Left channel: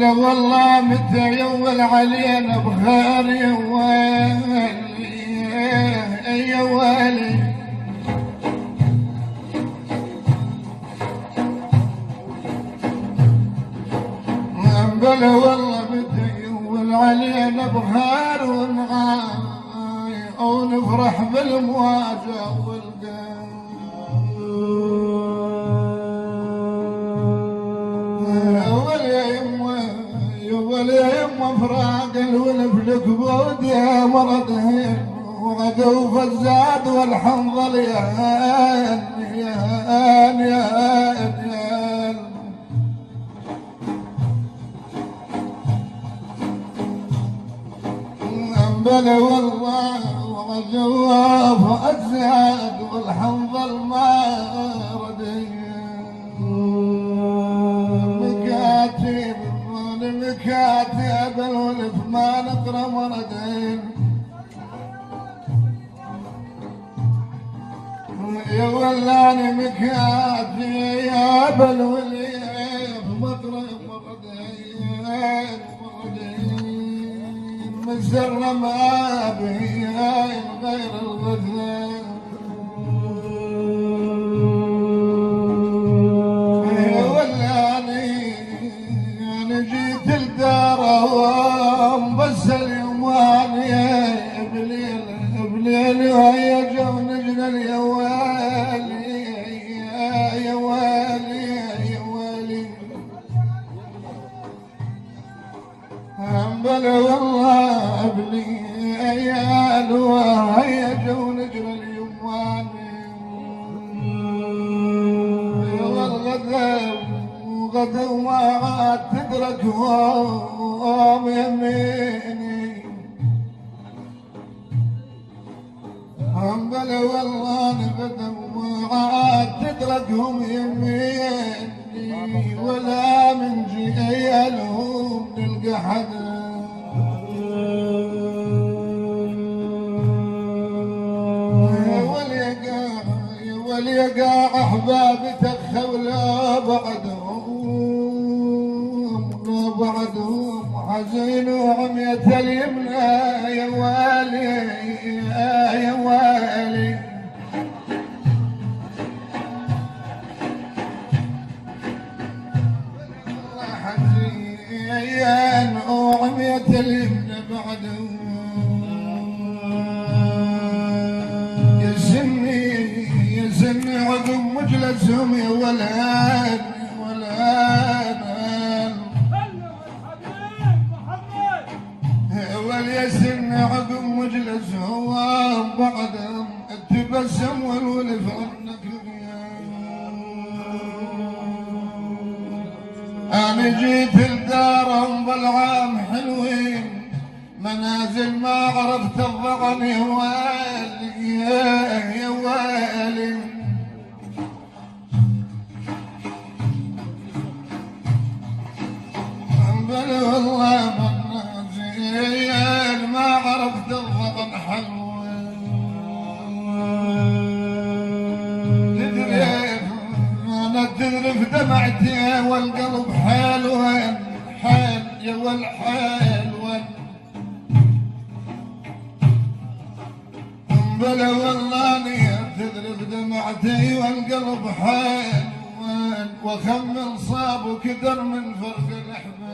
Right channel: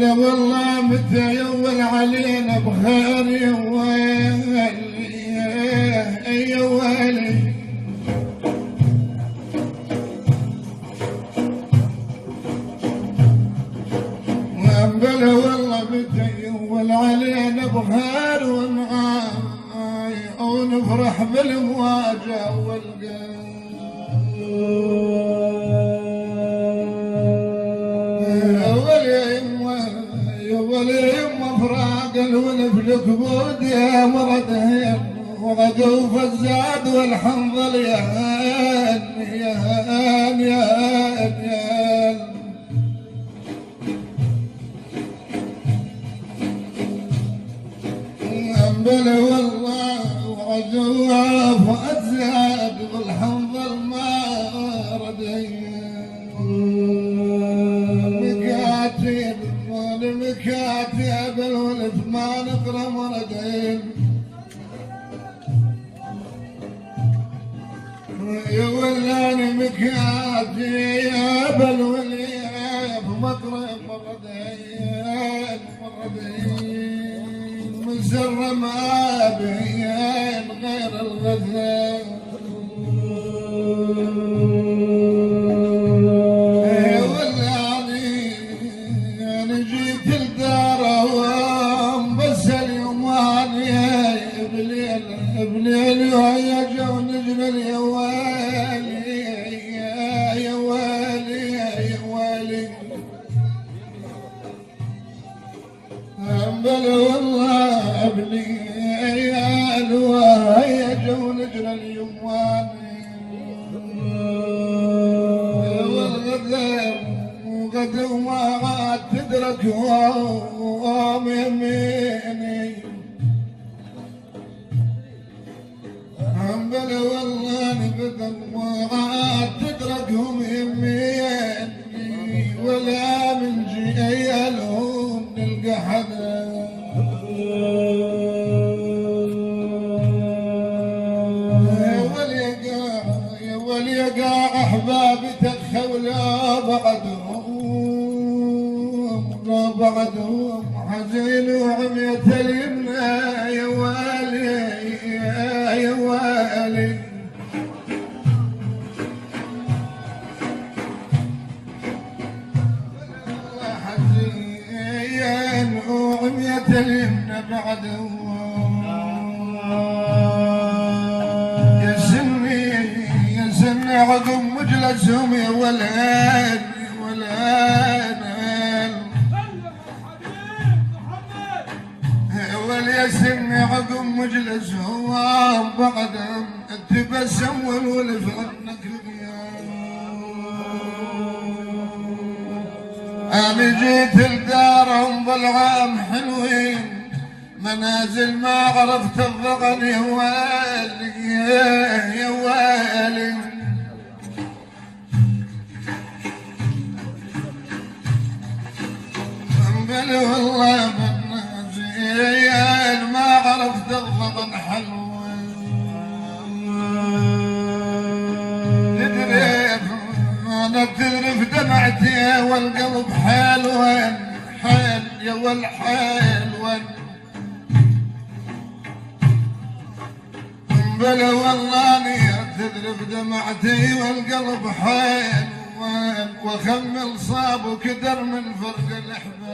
بلا والله متى يول علينا بخير يا ويلي يا ويلي بلا والله متى يول علينا بخير ونفرح بالمواجهة كبود يا مرضهن وغدوا فالزاد والحنظل يا هان يا هان يا هان يا هان بلا والله وغدوا فالزاد والحنظل ما ردهن مكاتب مكاتب الولد ما نقرأ مردين يا ولاني مكاتب يا بالوليد مقرأ مردين مردين مزر ما بين غير الغزال يا ولاني انا جيت الدار بليل وهي جو نجل يا ويلي يا ويلي يا ويلي بلا والله ابني عيال وهي جو نجل اليواني والغدر غدا وعاد تدرك وام يميني بلا والله نبدأ وعاد تدركهم يميني ولا من جيالهم نلقى حدا يا وليقع احبابي تخولوا بعدهم حزين وعمية اليمنى يا والي يا والي حزين وعمية اليمنى بعدهم يا سني عقب مجلسهم يا ولد واليسن عقب مجلسهم بعد التبسم والولف عنك انا جيت الدار انظل عام حلوين منازل ما عرفت الضغن يا ويلي يا ويلي بلا والله ما عرفت الضغن حلو تذرف دمعتي والقلب حلوان حال يا والحلوان بلا والله تذرف دمعتي والقلب حلوان وخمل صاب وكدر من فرق الاحباب